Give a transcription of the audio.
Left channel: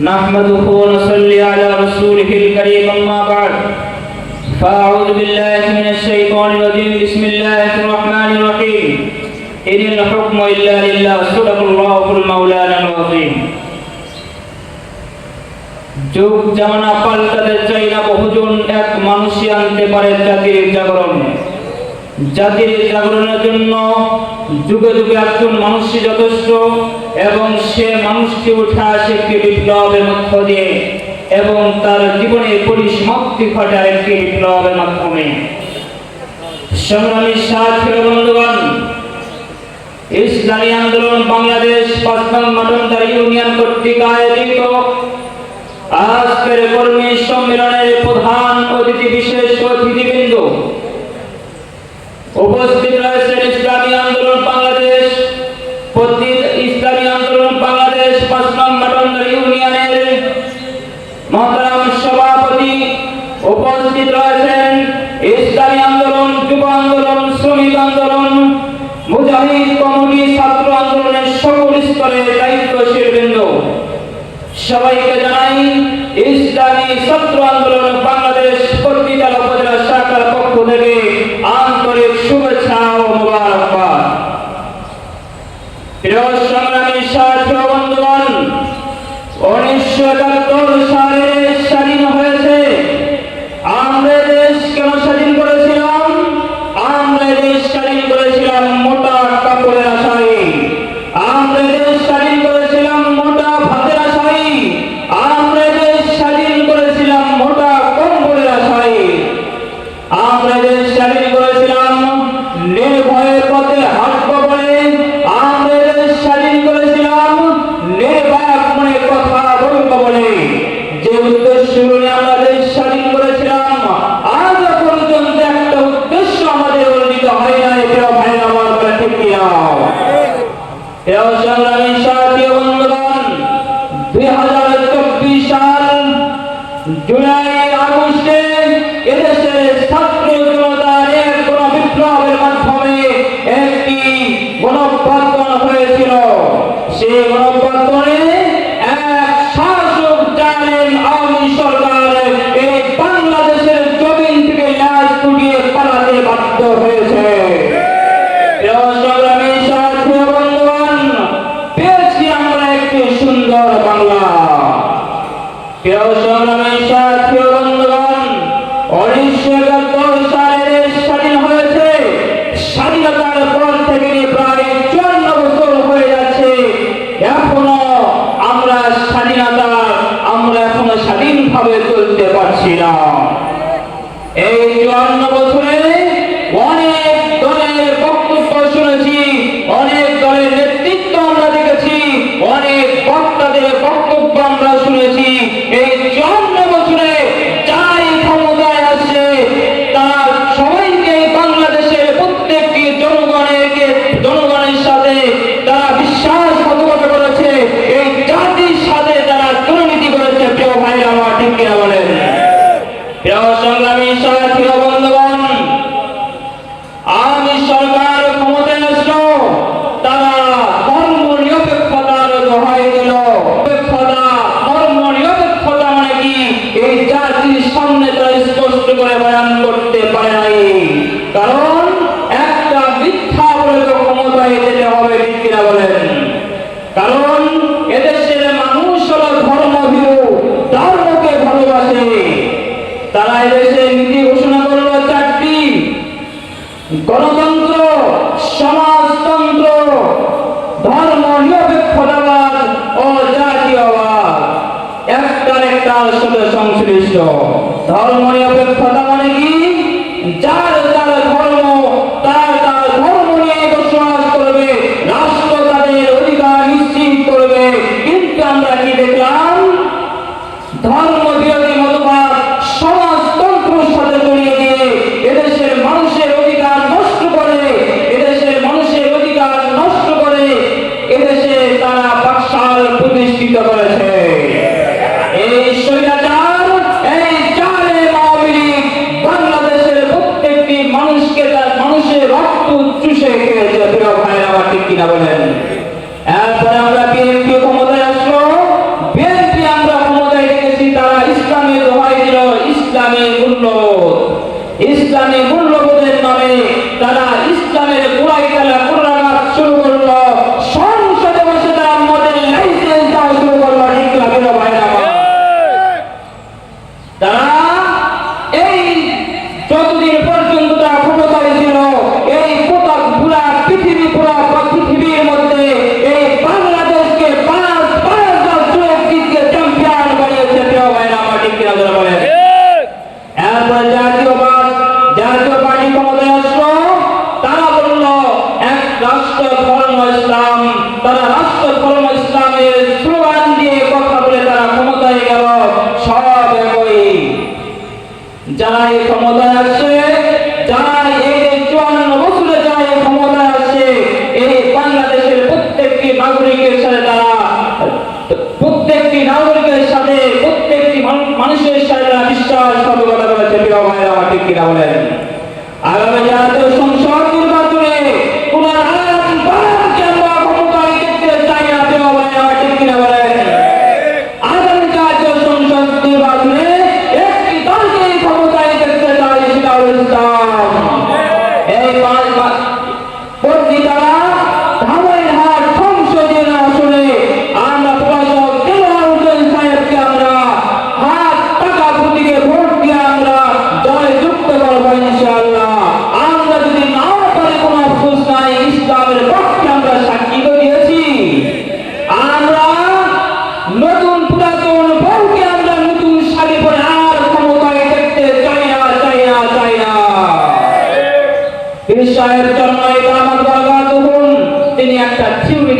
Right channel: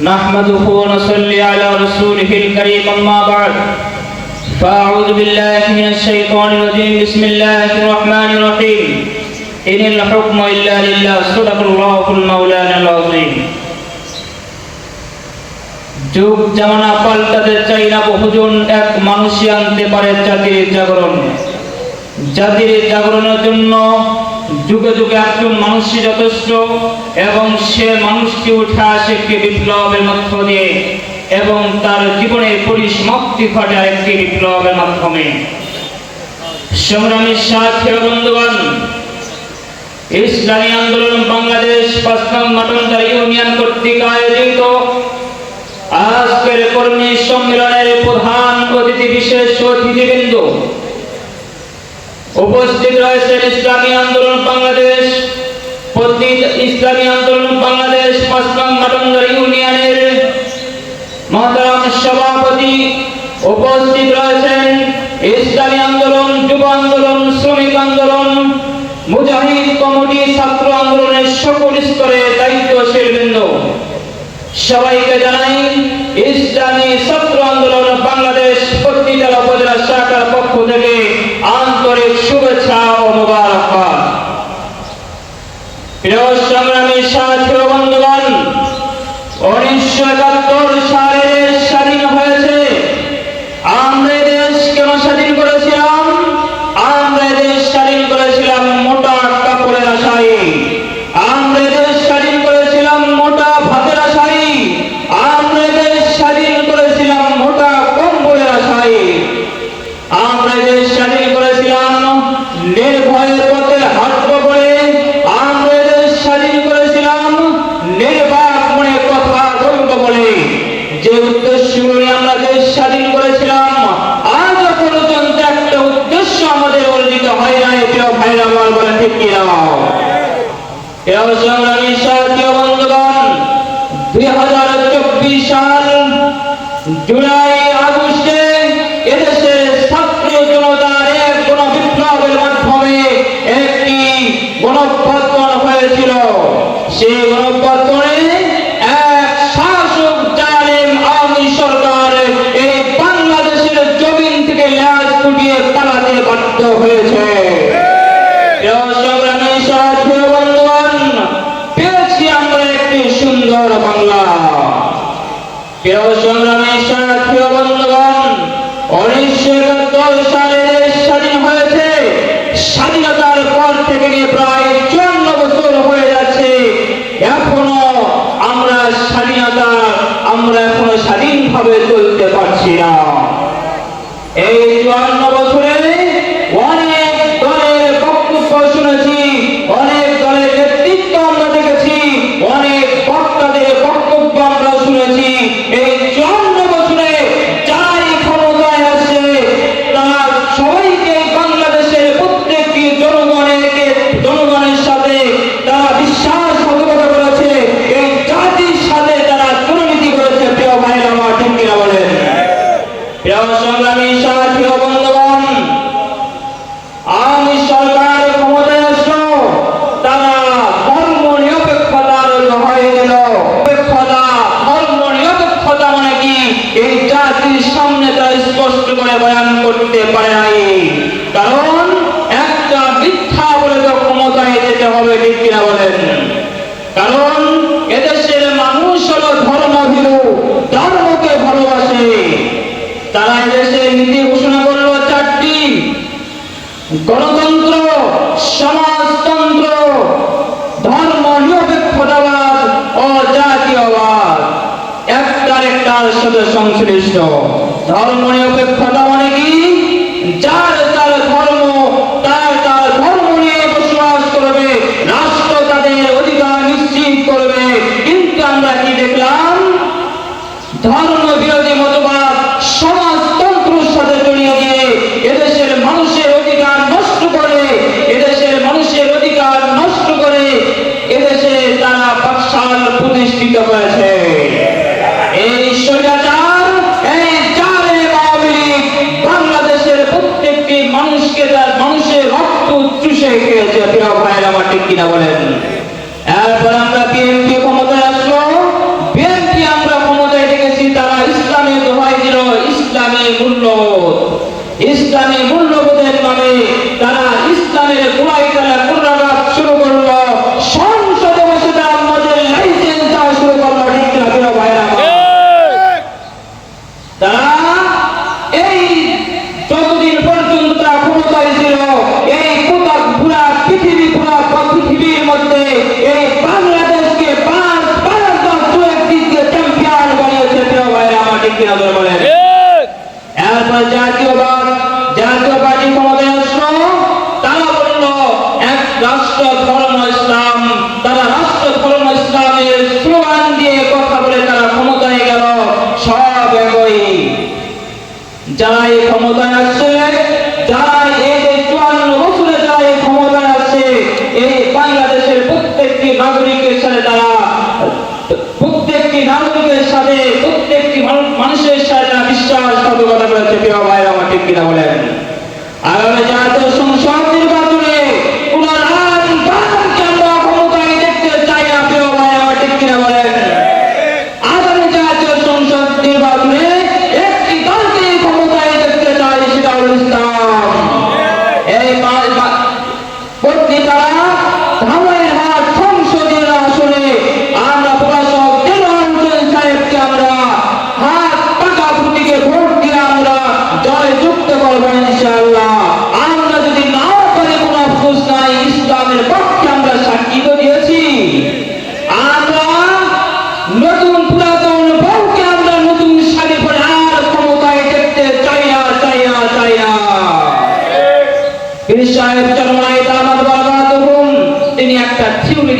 نحمده ونصلي على رسوله الكريم أما بعد فأعوذ بالله من الشيطان الرجيم بسم الله الرحمن الرحيم إن الحكم إلا لله صدق الله المولانا العظيم যুগ জামানা পাল্টাতে চাই না বহুজন এক মানুষই আনতে পারে জাতির জাগরণ জাতির জাগরণের জন্য যুগে যুগে একজন মানুষই যথেষ্ট এবং সে মানুষকে উঠে আসে একটি বিপ্লবের মধ্য দিয়ে এবং তার জীবনে পরিসমাপ্তি ঘটায় একটি বিপ্লবের মাধ্যমে। সংগ্রামী সাথী ও বন্ধুগণ, ইসলামী আন্দোলন বাংলাদেশ পাঁচলাম মাটনদার ইউনিয়ন কর্তৃক আয়োজিত আজকের কর্মী সম্মেলনের প্রধান ইসলামী ছাত্র আন্দোলনের সকল স্তরে দায়িত্বশীল বৃন্দ। সবাইকে জানাই, ইসলামী ছাত্র আন্দোলন বাংলাদেশ পত্রিকা উপজেলা শাখার পক্ষ থেকে আন্তরিক শুভেচ্ছা আমরা দুই হাজার চব্বিশ সাল জুলাই আগস্টে জনতার বিপ্লবের মাধ্যমে একটি হয়েছিল। সেই গণপ্রত্যানে এক শাসক জালেম আওয়ামী সরকার এই বাংলাদেশের জমিন থেকে লাশ কুটিয়ে পালাতে বাধ্য হয়েছে প্রিয় সংগ্রামী সাথী ও বন্ধুগণ, পেয়েছি আমরা একটি সুন্দর বাংলা প্রিয় সংগ্রামী সাথী ও সংগ্রামী সাথী বন্ধুগণ আওয়ামী সরকার ক্ষমতায় আসলো, তারা ধর্ম নিরপেক্ষতার হয়ে গেল। ধর্ম নিরপেক্ষতা মানে কি? এই জাতির সামনে তারা স্পষ্ট করে বয়ান করতে পারে নাই। গণতন্ত্র সমাজতন্ত্র ধর্ম নিরপেক্ষতাবাদ ও জাতীয়বাদ একটার একটার সাথে সংশ্লিষ্ট। ধর্ম নিরপেক্ষতা যারা এই ক্ষমতায় está তিনি একটা থিওরি